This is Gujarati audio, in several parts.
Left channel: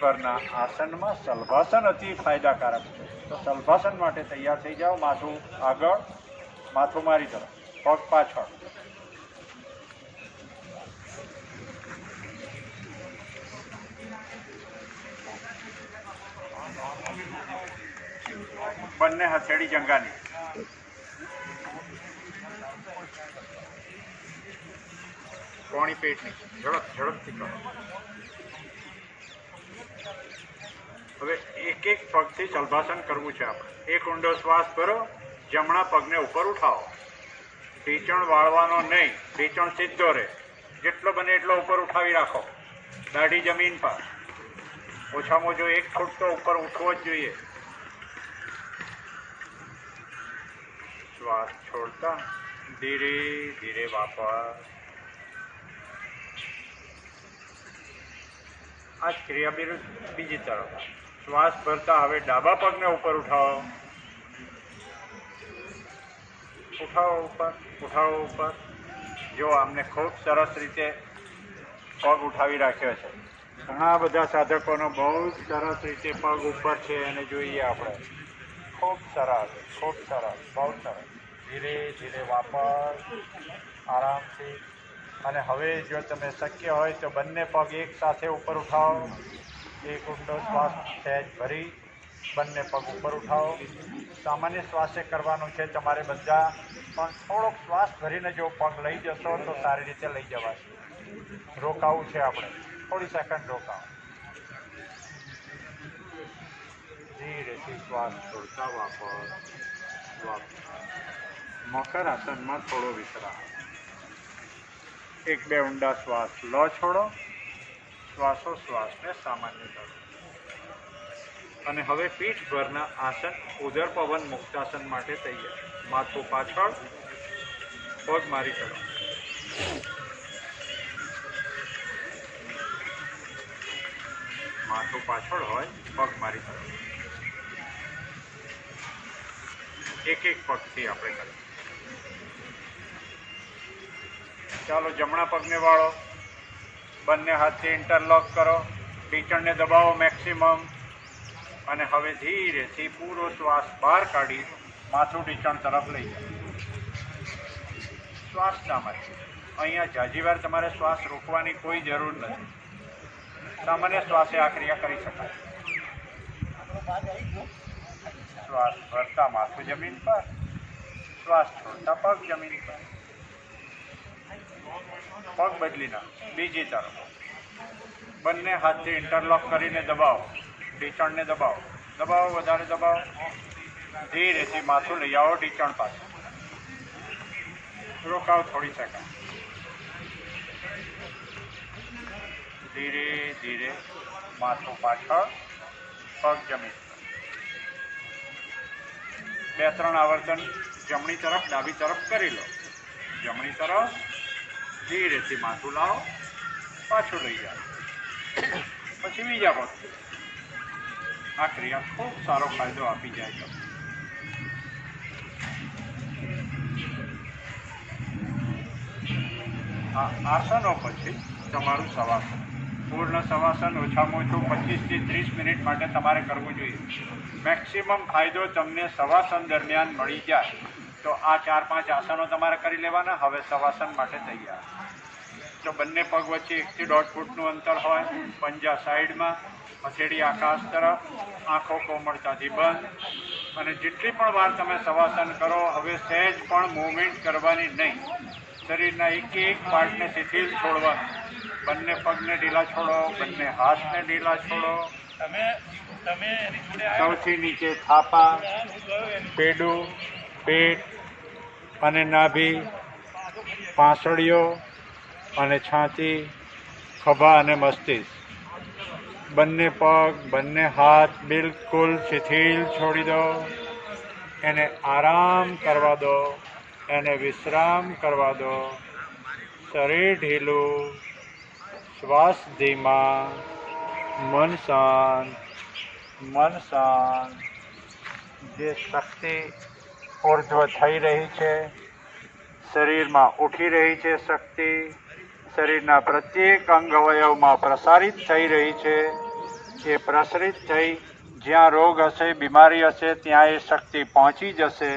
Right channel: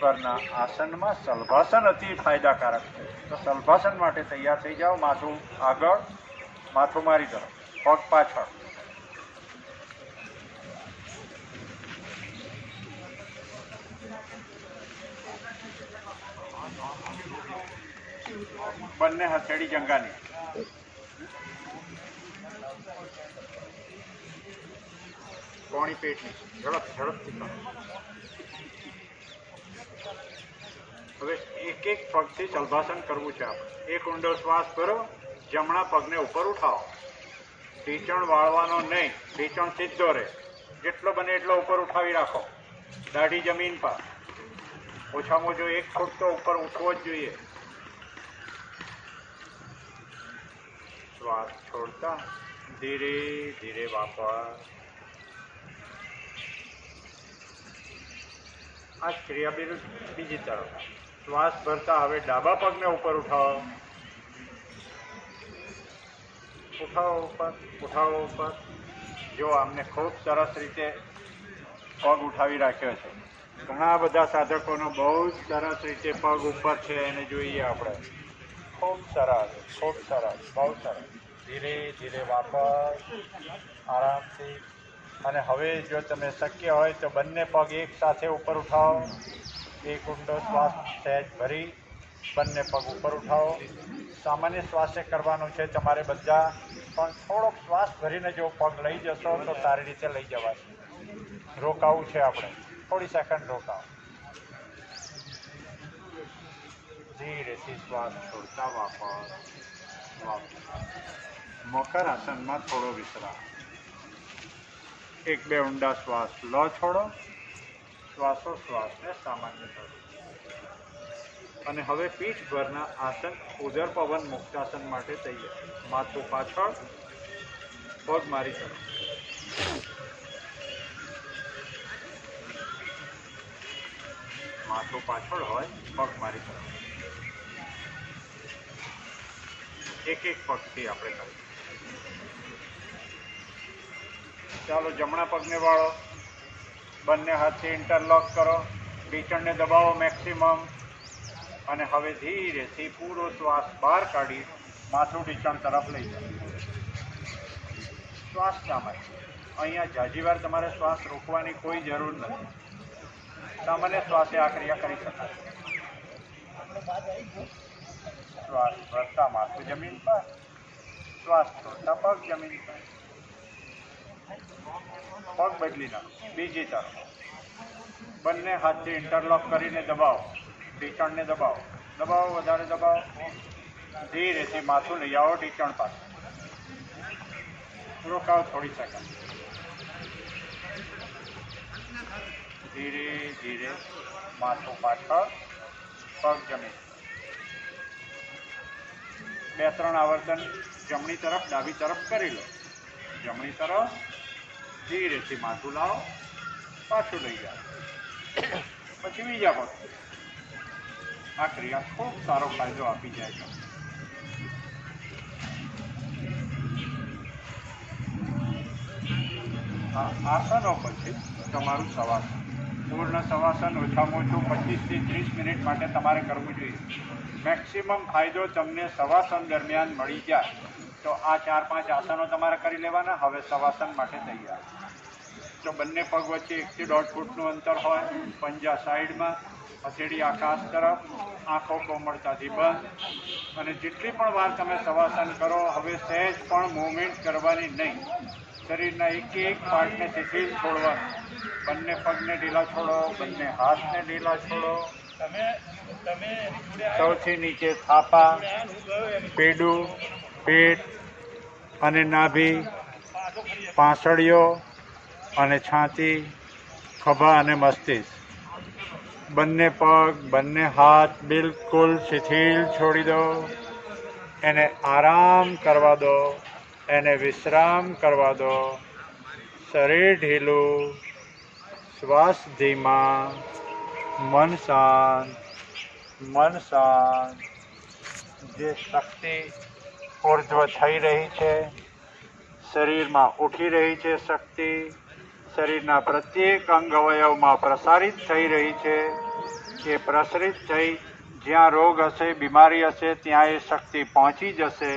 પરના આસનમાં સલભાસન અતિ ફાયદાકારક છે. તો સલભાસન માટે તૈયાર થઈ જાઓ. માથું આગળ, માથું મારી તરફ, પગ પાછળ. બંને હથેળી જંગાની. કોણી પેટની ઝડપથી કરો. હવે એક એક પગથી સલભાસન કરવું છે આપણે. એક ઊંડો શ્વાસ ભરો, જમણા પગને ઉપર ઉઠાવો. ઢીંચણ વાળવાનો નહીં, ઢીંચણ સીધો રહે. જેટલો બને એટલો ઉપર ઉઠાવી રાખો. દાઢી જમીન પર. ઓછામાં ઓછો 1 ફૂટ તો ઉપર ઉઠવો જ જોઈએ. શ્વાસ છોડતા ધીરે ધીરે વાપર. આ ક્રિયા બીજી તરફ. શ્વાસ ભરતા હવે ડાબા પગને ઉપર ઉઠાવો. ઉઠાવો ઉપર. જો આમને ખૂબ સરસ રીતે પગ ઉઠાવી રાખ્યો છે. ઘણા બધા સાધકોનો બહુ જ સરસ રીતે પગ ઉપર છે, એને જોઈએ આપણે. ખૂબ સરસ, બહુ સરસ. ધીરે ધીરે વાપર, આરામથી. અને હવે જો તમે શક્ય હોય તો બંને પગ એક સાથે ઉપર ઉઠાવો. એક ઊંડો શ્વાસ સહેજ ભરી બંને પગ ઉપર ઉઠાવો. સામાન્ય શ્વાસે કરવાનું છે તમારે બધા, પણ થોડોક શ્વાસ ભરીને જો પગ લઈ જશો તો સારી રીતે લઈ જવાશે. રોકાવું છે આપણે, થોડી સેકન્ડ રોકાવો. ધીરેથી શ્વાસ છોડતા વાપર. મકર આસનમાં થોડો વિશ્રામ. 1-2 ઊંડા શ્વાસ લો, છોડો. શ્વાસોશ્વાસને સામાન્ય કરો. અને હવે પીઠભરના આસન ઉદર પવન મુક્તાસન માટે તૈયાર. માથું પાછળ, પગ મારી કરો. માથું પાછળ હોય, પગ મારી કરો. એક એક પગથી આપણે કરીએ. ચાલો, જમણા પગને વાળો. બંને હાથથી ઇન્ટરલોક કરો. ઢીંચણને દબાવો મેક્સિમમ. અને હવે ધીરેથી પૂરો શ્વાસ બહાર કાઢી માથું ઢીંચણ તરફ લઈ જાઓ. શ્વાસ સામાન્ય. અહીંયા જાજીવાર તમારે શ્વાસ રોકવાની કોઈ જરૂર નથી. સામાન્ય શ્વાસે આ ક્રિયા કરી શકાય. શ્વાસ ભરતા માથું જમીન પર, શ્વાસ છોડતા પગ જમીન પર. પગ બદલી નાખો. બીજી તરફ બંને હાથથી ઇન્ટરલોક કરીને દબાવો. ઢીંચણને દબાવો, વધારે દબાવો. ધીરેથી માથું લઈ આવો ઢીંચણ પાસે. રોકાવો થોડી સેકન્ડ. ધીરે ધીરે માથું પાછળ, પગ જમીન પર. 2-3 આવર્તન જમણી તરફ ડાબી તરફ કરી લો. જમણી તરફ ધીરેથી માથું લાવો, પાછું લઈ જાઓ. પછી બીજા પગ. આ ક્રિયા ખૂબ સારો ફાયદો આપી જાય છે. આ આસનો પછી તમારું શવાસન. પૂર્ણ શવાસન ઓછામાં ઓછું 25 થી 30 મિનિટ માટે તમારે કરવું જોઈએ. મેક્સિમમ ફાયદો તમને શવાસન દરમિયાન મળી જાય. તો આ 4-5 આસનો તમારે કરી લેવાના. હવે શવાસન માટે તૈયાર. તો બંને પગ વચ્ચે 1 થી 1.5 ફૂટનું અંતર હોય. પંજા સાઈડમાં, હથેળી આકાશ તરફ, આંખો કોમળતાથી બંધ. અને જેટલી પણ વાર તમે શવાસન કરો, હવે સહેજ પણ મૂવમેન્ટ કરવાની નહીં. શરીરના એક પાર્ટને શિથિલ છોડવાનું. બંને પગને ઢીલા છોડો, બંને હાથને ઢીલા છોડો. સૌથી નીચે થાપા, પેડું, પેટ અને નાભી, પાંસળીઓ અને છાતી, ખભા અને મસ્તિષ્ક. બંને પગ, બંને હાથ બિલકુલ શિથિલ છોડી દો. એને આરામ કરવા દો, એને વિશ્રામ કરવા દો. શરીર ઢીલું, શ્વાસ ધીમા, મન શાંત. જે શક્તિ ઉર્ધ્વ થઈ રહી છે, શરીરમાં ઉઠી રહી છે શક્તિ, શરીરના પ્રત્યેક અંગ અવયવમાં પ્રસારિત થઈ રહી છે. એ પ્રસરિત થઈ જ્યાં રોગ હશે, બીમારી હશે, ત્યાં એ શક્તિ પહોંચી જશે,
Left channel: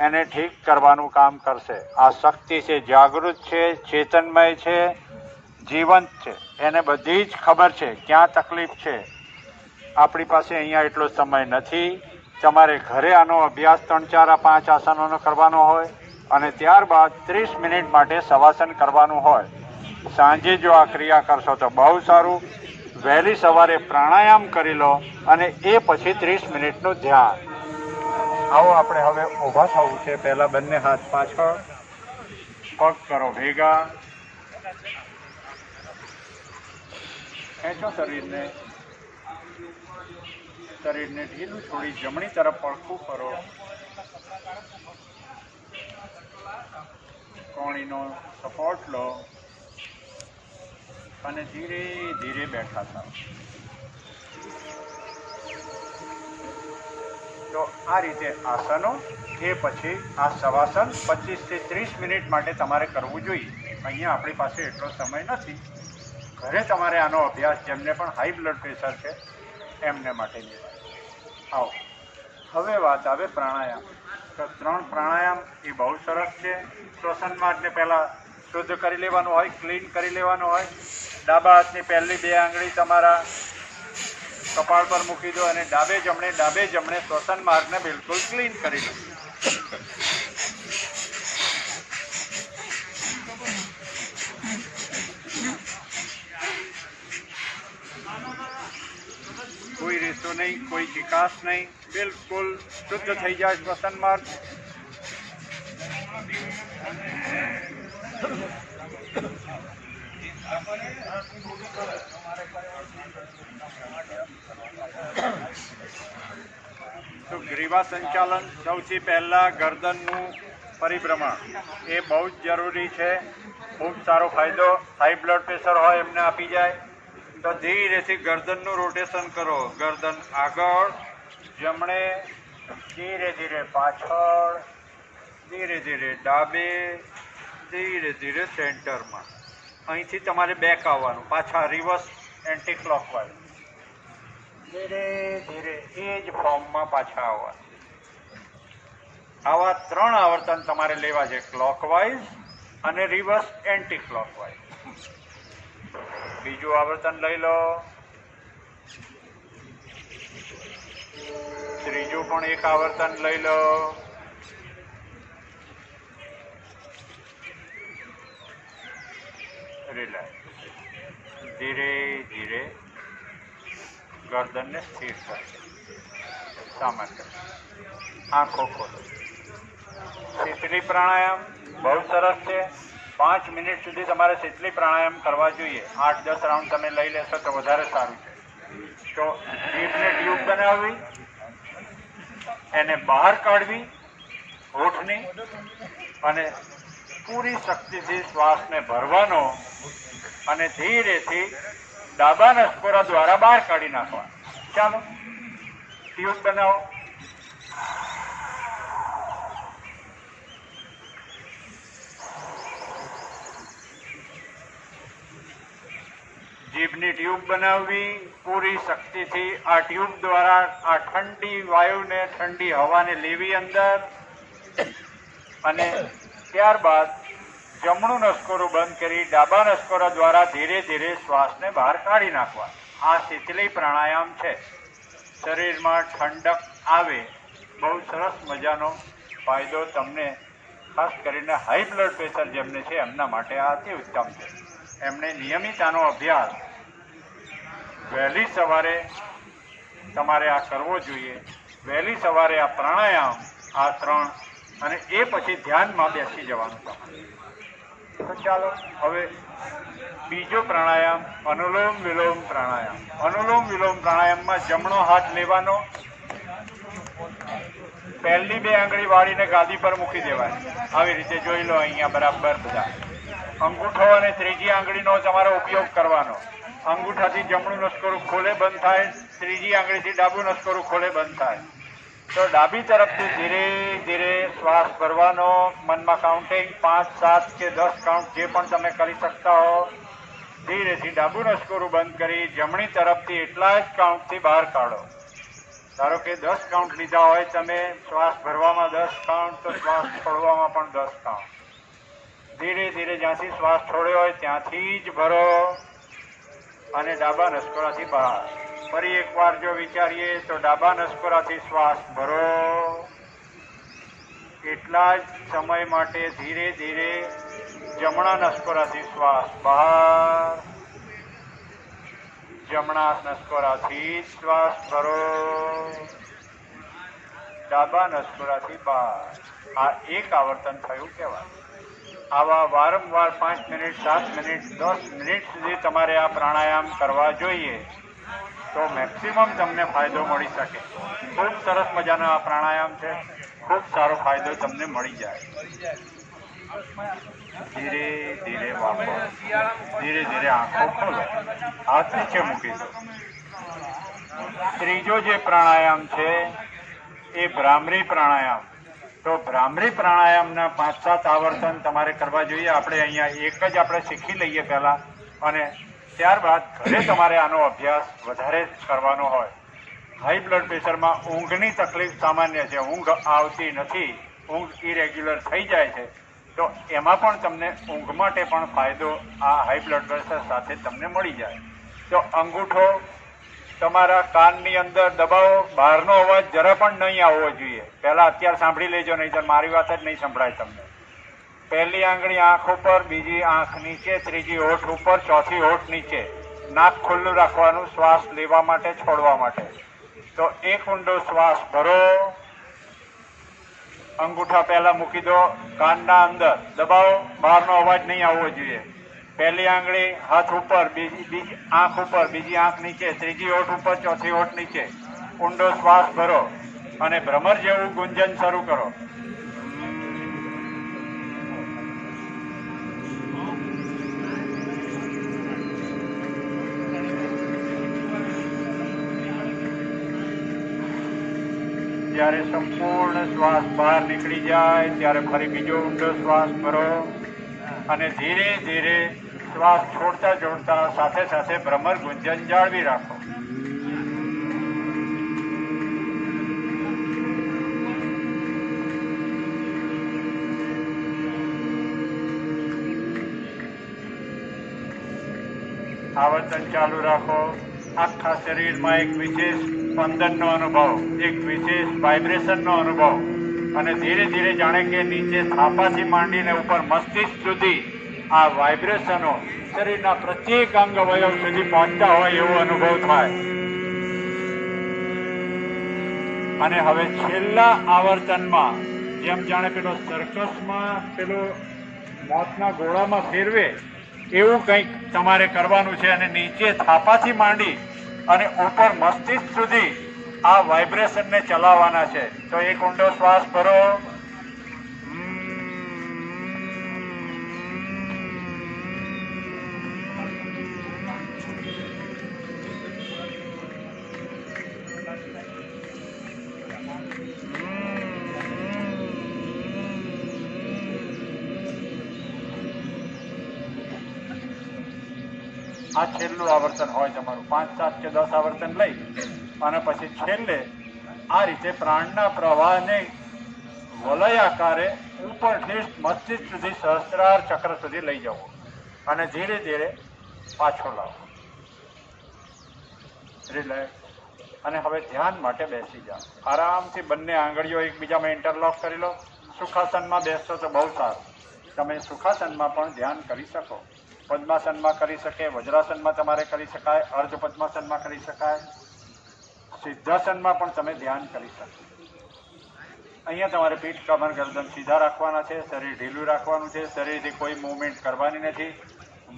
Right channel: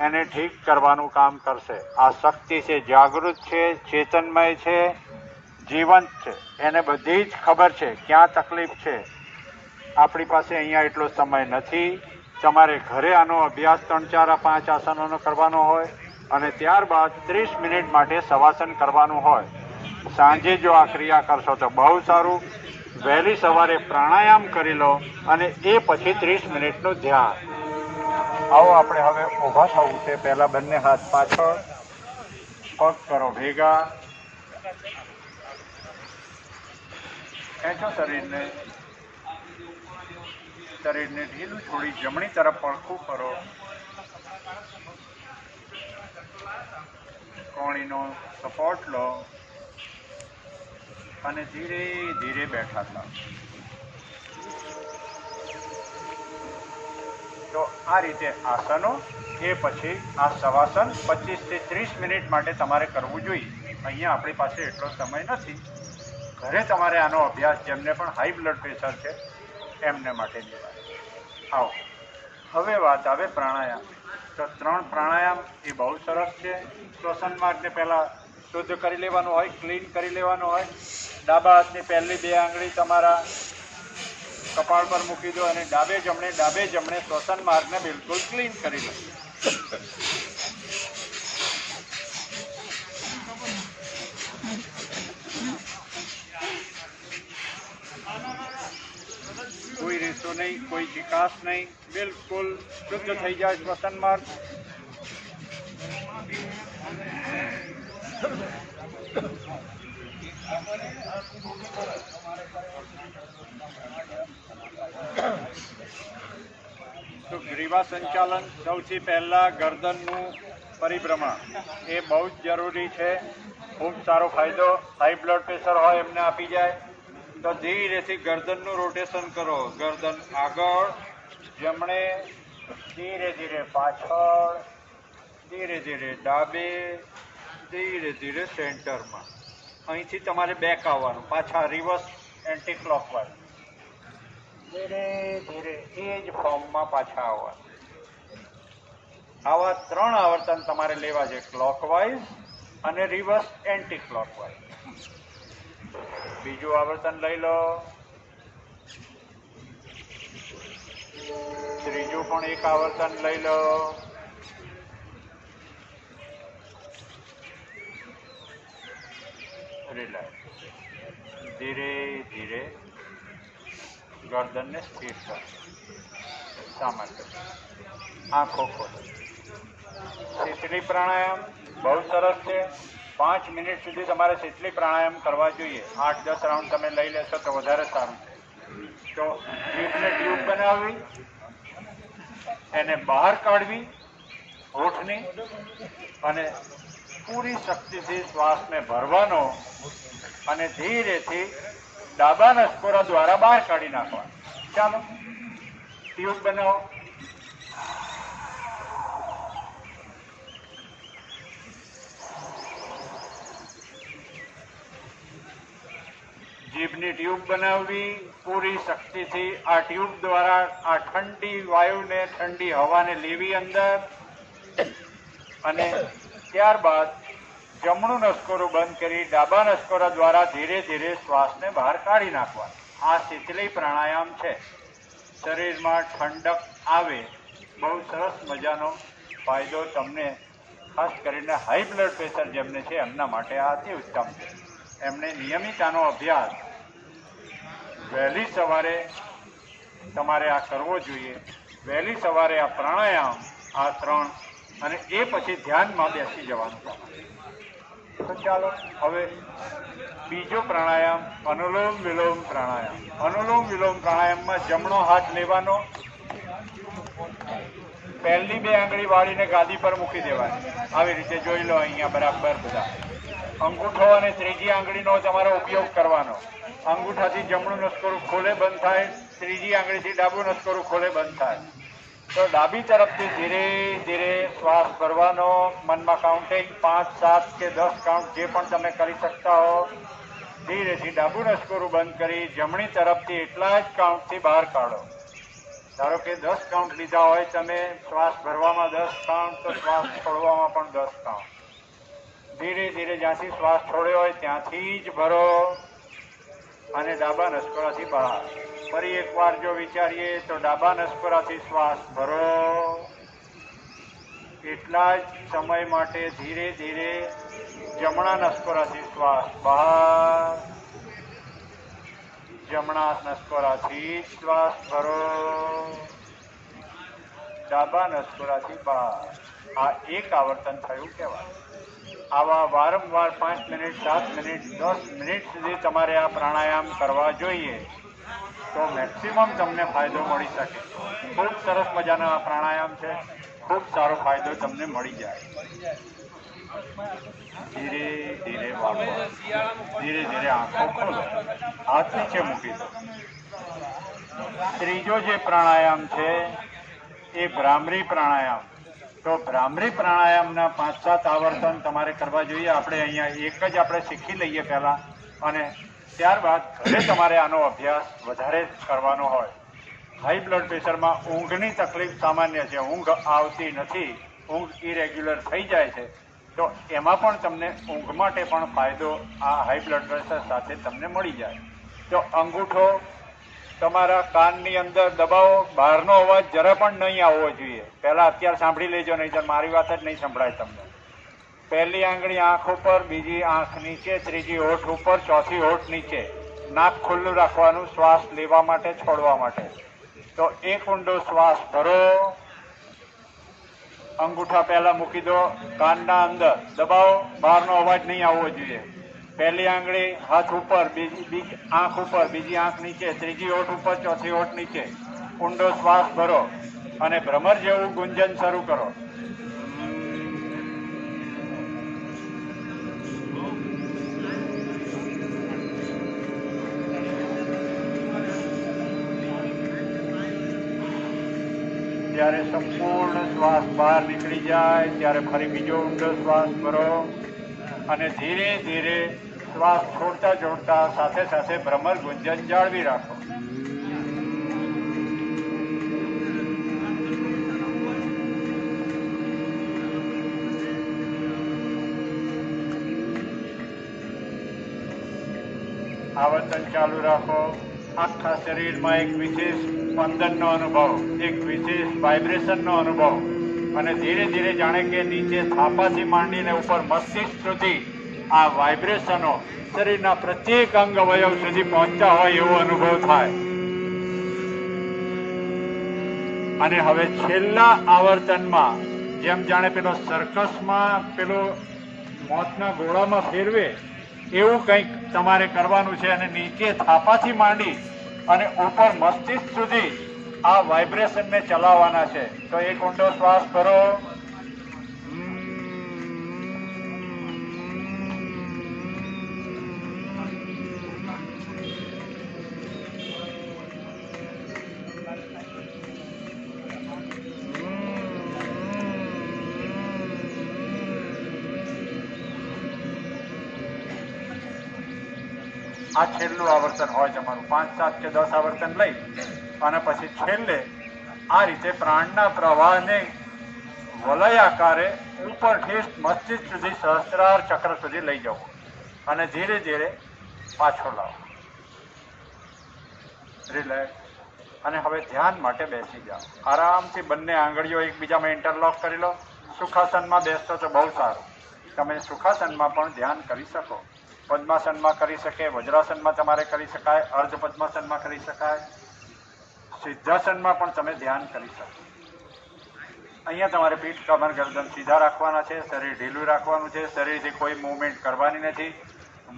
એને ઠીક કરવાનું કામ કરશે. આ શક્તિ છે, જાગૃત છે, ચેતનમય છે, જીવંત છે. એને બધી જ ખબર છે ક્યાં તકલીફ છે. આપણી પાસે અહીંયા એટલો સમય નથી. તમારે ઘરે આનો અભ્યાસ 3, 4, 5 આસનોનો કરવાનો હોય અને ત્યારબાદ 30 મિનિટ માટે શવાસન કરવાનું હોય. સાંજે જો આ ક્રિયા કરશો તો બહુ સારું. વહેલી સવારે પ્રાણાયામ કરી લો અને એ પછી 30 મિનિટનું ધ્યાન. આવો આપણે હવે ઊભા થવું છે. પહેલાં બંને હાથ પાછળ, પગ કરો ભેગા, ખેંચો શરીરને ઢીલું છોડી જમણી તરફ પડખું કરો. કોણીનો સપોર્ટ લો અને ધીરે ધીરે બેઠા થાવ. તો આ રીતે આસનો, એ પછી આ શવાસન 25 થી 30 મિનિટ માટે તમારે કરવું જોઈએ. અહીંયા આપણી પાસે એટલો સમય નથી. ઘરે તમારે આનો અભ્યાસ, જેમને પણ હાઈ બ્લડ પ્રેશર છે એમને માટેની વાત. આવો હવે વાત આવે પ્રાણાયામ. તો 3 પ્રાણાયામ એ બહુ સરસ છે. શ્વસન માર્ગને પહેલાં શુદ્ધ કરી લેવાનું હોય, ક્લીન કરી લેવાનું હોય. ડાબા હાથની પહેલી 2 આંગળી તમારા કપાળ પર મૂકી દો અને ડાબે જમણે શ્વસન માર્ગને બિલકુલ ક્લીન કરી લો. કોઈ રેસો નહીં, કોઈ ચિકાસ નહીં, બિલકુલ શુદ્ધ થઈ જાય શ્વસન માર્ગ. તો ગ્રીવા સંચાલન, સૌથી પહેલા ગરદનનું પરિભ્રમણ એ બહુ જ જરૂરી છે. ખૂબ સારો ફાયદો હાઈ બ્લડ પ્રેશર હોય એમને આપી જાય. તો ધીરેથી ગરદનનું રોટેશન કરો. ગરદન આગળ, જમણે, ધીરે ધીરે પાછળ, ધીરે ધીરે ડાબે, ધીરે ધીરે સેન્ટરમાં. અહીંથી તમારે બેક આવવાનું, પાછા રિવર્સ એન્ટી ક્લોકવાઇઝ. ધીરે ધીરે એ જ ફોર્મમાં પાછા આવવાનું. આવા 3 આવર્તન તમારે લેવા છે, ક્લોકવાઇઝ અને રિવર્સ એન્ટી ક્લોકવાઇઝ. બીજું આવર્તન લઈ લો. ત્રીજું પણ એક આવર્તન લઈ લો. રિલેક્સ. ધીરે ધીરે ગરદનને સ્થિર કરો. સામાન્ય આંખો ખોલો. શીતલી પ્રાણાયામ બહુ સરસ છે. 5 મિનિટ સુધી તમારે શીતલી પ્રાણાયામ કરવા જોઈએ. 8-10 રાઉન્ડ તમે લઈ લેશો તો વધારે સારું છે. તો જીભને ટ્યુબ બનાવવી, એને બહાર કાઢવી હોઠની, અને પૂરી શક્તિથી શ્વાસને ભરવાનો અને ધીરેથી ડાબા નસકોરા દ્વારા બહાર કાઢી નાખવાનો. ચાલો ટ્યુબ બનાવો. જીભની ટ્યુબ બનાવવી પૂરી શક્તિથી. આ ટ્યુબ દ્વારા આ ઠંડી વાયુને, ઠંડી હવાને લેવી અંદર, અને ત્યારબાદ જમણું નસકોરું બંધ કરી ડાબા નસકોરા દ્વારા ધીરે ધીરે શ્વાસને બહાર કાઢી નાખવાનો. આ શીતલી પ્રાણાયામ છે. શરીરમાં ઠંડક આવે, બહુ સરસ મજાનો ફાયદો તમને, ખાસ કરીને હાઈ બ્લડ પ્રેશર જેમને છે એમના માટે આ અતિ ઉત્તમ છે. એમણે નિયમિત આનો અભ્યાસ વહેલી સવારે તમારે આ કરવો જોઈએ. વહેલી સવારે આ પ્રાણાયામ, આ 3, અને એ પછી ધ્યાનમાં બેસી જવાનું તમારે. તો ચાલો હવે બીજો પ્રાણાયામ, અનુલોમ વિલોમ પ્રાણાયામ. અનુલોમ વિલોમ પ્રાણાયામમાં જમણો હાથ લેવાનો, પહેલી 2 આંગળી વાળીને ગાદી પર મૂકી દેવાની. આવી રીતે જોઈ લો અહીંયા બરાબર બધા. અંગૂઠો અને ત્રીજી આંગળીનો તમારો ઉપયોગ કરવાનો. અંગૂઠાથી જમણું નસકોરું ખોલે બંધ થાય, ત્રીજી આંગળીથી ડાબું નસકોરું ખોલે બંધ થાય. તો ડાબી તરફથી ધીરે ધીરે શ્વાસ ભરવાનો. મનમાં કાઉન્ટિંગ 5, 7 કે 10 કાઉન્ટ જે પણ તમે કરી શકતા હો. ધીરેથી ડાબું નસકોરું બંધ કરી જમણી તરફથી એટલા જ કાઉન્ટથી બહાર કાઢો. ધારો કે 10 કાઉન્ટ લીધા હોય તમે, શ્વાસ ભરવામાં 10 કાઉન્ટ તો શ્વાસ છોડવામાં પણ 10 કાઉન્ટ. ધીરે ધીરે જ્યાંથી શ્વાસ છોડ્યો હોય ત્યાંથી જ ભરો અને ડાબા નસકોરાથી બહાર. ફરી એકવાર જો વિચારીએ તો ડાબા નસકોરાથી શ્વાસ ભરો, એટલા જ સમય માટે ધીરે ધીરે જમણા નસકોરાથી શ્વાસ બહાર, જમણા નસકોરાથી શ્વાસ ભરો, ડાબા નસકોરાથી બહાર. આ એક આવર્તન થયું કહેવાય. આવા વારંવાર 5 મિનિટ, 7 મિનિટ, 10 મિનિટ સુધી તમારે આ પ્રાણાયામ કરવા જોઈએ તો મેક્સિમમ તમને ફાયદો મળી શકે. ખૂબ સરસ મજાનો આ પ્રાણાયામ છે, ખૂબ સારો ફાયદો તમને મળી જાય. ધીરે ધીરે વાપરો, ધીરે ધીરે આંખો ખોલો, હાથ નીચે મૂકી દો. ત્રીજો જે પ્રાણાયામ છે એ ભ્રામરી પ્રાણાયામ. તો ભ્રામરી પ્રાણાયામના 5-7 આવર્તન તમારે કરવા જોઈએ. આપણે અહીંયા એક જ આપણે શીખી લઈએ પહેલાં, અને ત્યારબાદ ઘરે તમારે આનો અભ્યાસ વધારે કરવાનો હોય. હાઈ બ્લડ પ્રેશરમાં ઊંઘની તકલીફ સામાન્ય છે, ઊંઘ આવતી નથી, ઊંઘ ઇરેગ્યુલર થઈ જાય છે, તો એમાં પણ તમને ઊંઘ માટે પણ ફાયદો આ હાઈ બ્લડ પ્રેશર સાથે તમને મળી જાય. તો અંગૂઠો તમારા કાનની અંદર દબાવો, બહારનો અવાજ જરા પણ નહીં આવવો જોઈએ. પહેલાં અત્યારે સાંભળી લેજો, નહીં તો મારી વાત જ નહીં સંભળાય તમને. પહેલી આંગળી આંખ ઉપર, બીજી આંખ નીચે, ત્રીજી હોઠ ઉપર, ચોથી હોઠ નીચે. નાક ખુલ્લું રાખવાનું શ્વાસ લેવા માટે, છોડવા માટે. તો એક ઊંડો શ્વાસ ભરો, અંગૂઠા પહેલા મૂકી દો, કાનના અંદર દબાવો, બહારનો અવાજ નહીં આવવો જોઈએ. પહેલી આંગળી હાથ ઉપર, બીજી આંખ ઉપર, બીજી આંખ નીચે, ત્રીજી હોઠ ઉપર, ચોથી હોઠ નીચે. ઊંડો શ્વાસ ભરો અને ભ્રમર જેવું ગુંજન શરૂ કરો. જ્યારે સંપૂર્ણ શ્વાસ બહાર નીકળી જાય ત્યારે ફરી બીજો ઊંડો શ્વાસ ભરો અને ધીરે ધીરે શ્વાસ છોડતા છોડતા સાથે સાથે ભ્રમર ગુંજન જાળવી રાખો. આવર્તન ચાલુ રાખો. આખા શરીરમાં એક વિશેષ સ્પંદનનો અનુભવ, એક વિશેષ વાઇબ્રેશનનો અનુભવ, અને ધીરે ધીરે જાણે કે નીચે થાપાથી માંડીને ઉપર મસ્તિષ્ક સુધી આ વાઇબ્રેશનો શરીરના પ્રત્યેક અંગ અવયવ સુધી પહોંચતા હોય એવો અનુભવ થાય. અને હવે છેલ્લા આવર્તનમાં જેમ જાણે પેલો સર્કસમાં પેલો મોતના ગોળામાં ફેરવે એવું કંઈક તમારે કરવાનું છે, અને નીચે થાપાથી માંડી અને ઉપર મસ્તિષ્ક સુધી આ વાઇબ્રેશનને ચલાવવાના છે. તો એક ઊંડો શ્વાસ ભરો, આ છેલ્લું આવર્તન હોય તમારું. 5, 7 કે 10 આવર્તન લઈ અને પછી છેલ્લે આ રીતે પ્રાણના પ્રવાહને વલય આકારે ઉપરથી મસ્તિષ્ક સુધી સહસ્ત્રાર ચક્ર સુધી લઈ જવો અને ધીરે ધીરે પાછો લાવો. રિલેક્સ. અને હવે ધ્યાન માટે બેસી જાઓ. આરામથી બંને આંગળીઓ એકબીજામાં ઇન્ટરલોક કરી લો. સુખાસનમાં બેસતો તો બહુ સારું. તમે સુખાસનમાં પણ ધ્યાન કરી શકો. પદ્માસનમાં કરી શકે, વજ્રાસનમાં તમારે કરી શકાય, અર્ધ પદ્માસનમાં કરી શકાય, સિદ્ધાસનમાં પણ તમે ધ્યાન કરી શકો. અહીંયા તમારે પીઠ, કમર, ગરદન સીધા રાખવાના છે, શરીર ઢીલું રાખવાનું છે, શરીરથી કોઈ મૂવમેન્ટ કરવાની નથી,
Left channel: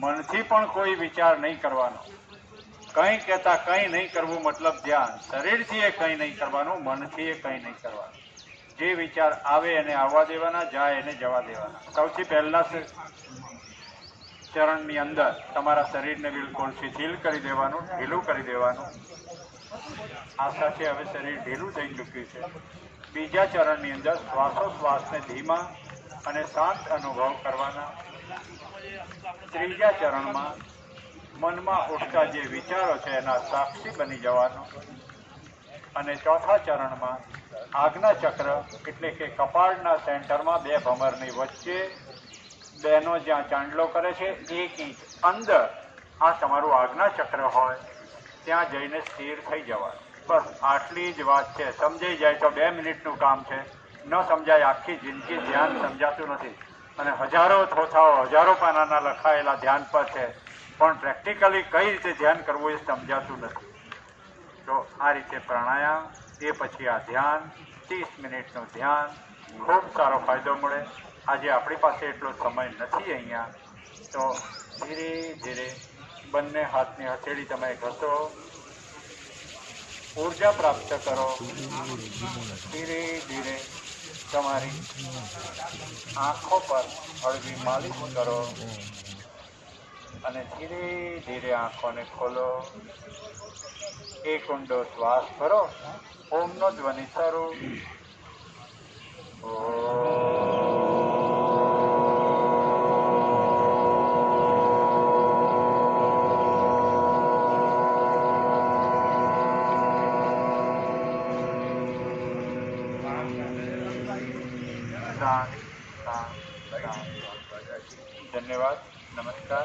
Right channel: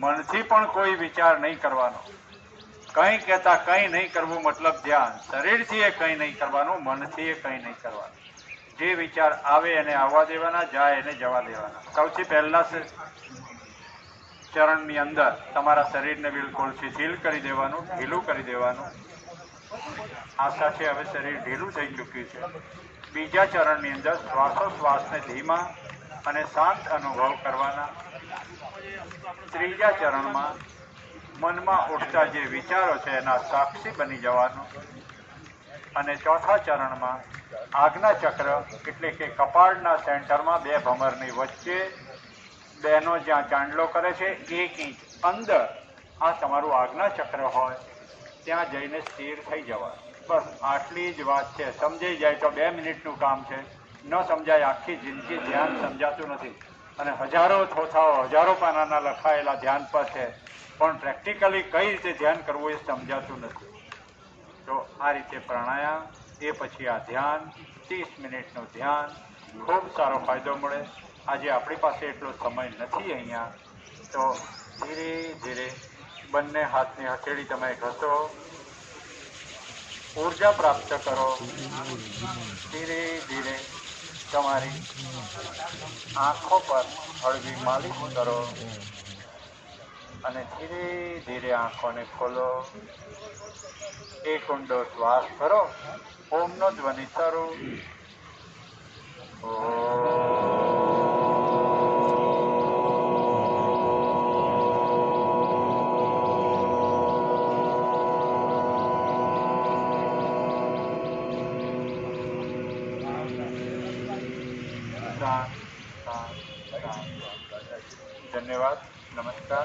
મનથી પણ કોઈ વિચાર નહીં કરવાનો. કંઈ કહેતા કંઈ નહીં કરવું મતલબ ધ્યાન. શરીરથી એ કંઈ નહીં કરવાનું, મનથી એ કંઈ નહીં કરવાનું. જે વિચાર આવે એને આવવા દેવાના, જાય એને જવા દેવાના. સૌથી પહેલા ચરણની અંદર તમારા શરીરને બિલકુલ શિથિલ કરી દેવાનું, ઢીલું કરી દેવાનું. આશા છે હવે શરીર ઢીલું થઈ ચૂક્યું છે. બીજા ચરણની અંદર શ્વાસોશ્વાસને ધીમા અને શાંત અનુભવ કરવાના. ત્રીજા ચરણમાં મનમાં ઉઠતા જે વિચારો છે એના સાક્ષી બની જવાનું. અને ચોથા ચરણમાં આજ્ઞા ચક્ર એટલે કે કપાળના સેન્ટરમાં બે ભમરની વચ્ચે બેનો જ્યાં ચાંદલો કરે છે 1 ઇંચ અંદર આ તમારું આજ્ઞા ચક્ર હોય ત્યાં જઈને સ્થિર થઈ જવાનું. બસ આટલી જ વાત છે. સમજાઈ જાય તો 2 મિનિટનું કામ છે. ન સમજાય આખી જિંદગી ધ્યાન સમજાતું નથી. અને હજારો થોથાઓ હજારો પાનાના લખાયેલા ધ્યાન પર છે, પણ પ્રેક્ટિકલી કઈ રીતે ધ્યાન કરવું એ સમજાતું નથી. તો આ રીતે પ્રાણાયામ, એ પછી આ ધ્યાન, 30 મિનિટનું ધ્યાન, ખૂબ સારો ફાયદો મળે. આજે આપણી પાસે એટલો સમય નથી અહીંયા, તો ધીરે ધીરે બંને હાથની હથેળી તમે ઘસો, ઊર્જા પ્રાપ્ત કરો. ધીરે ધીરે તમારી આંખો પર હળવી માલિશ કરો અને ધીરે ધીરે આંખોને ખોલો. એક ઊંડો શ્વાસ ભરો. ઓમનો ધ્વનિ શરૂ. શાંત શાંત શાંત. ધન્યવાદ. નમસ્કાર.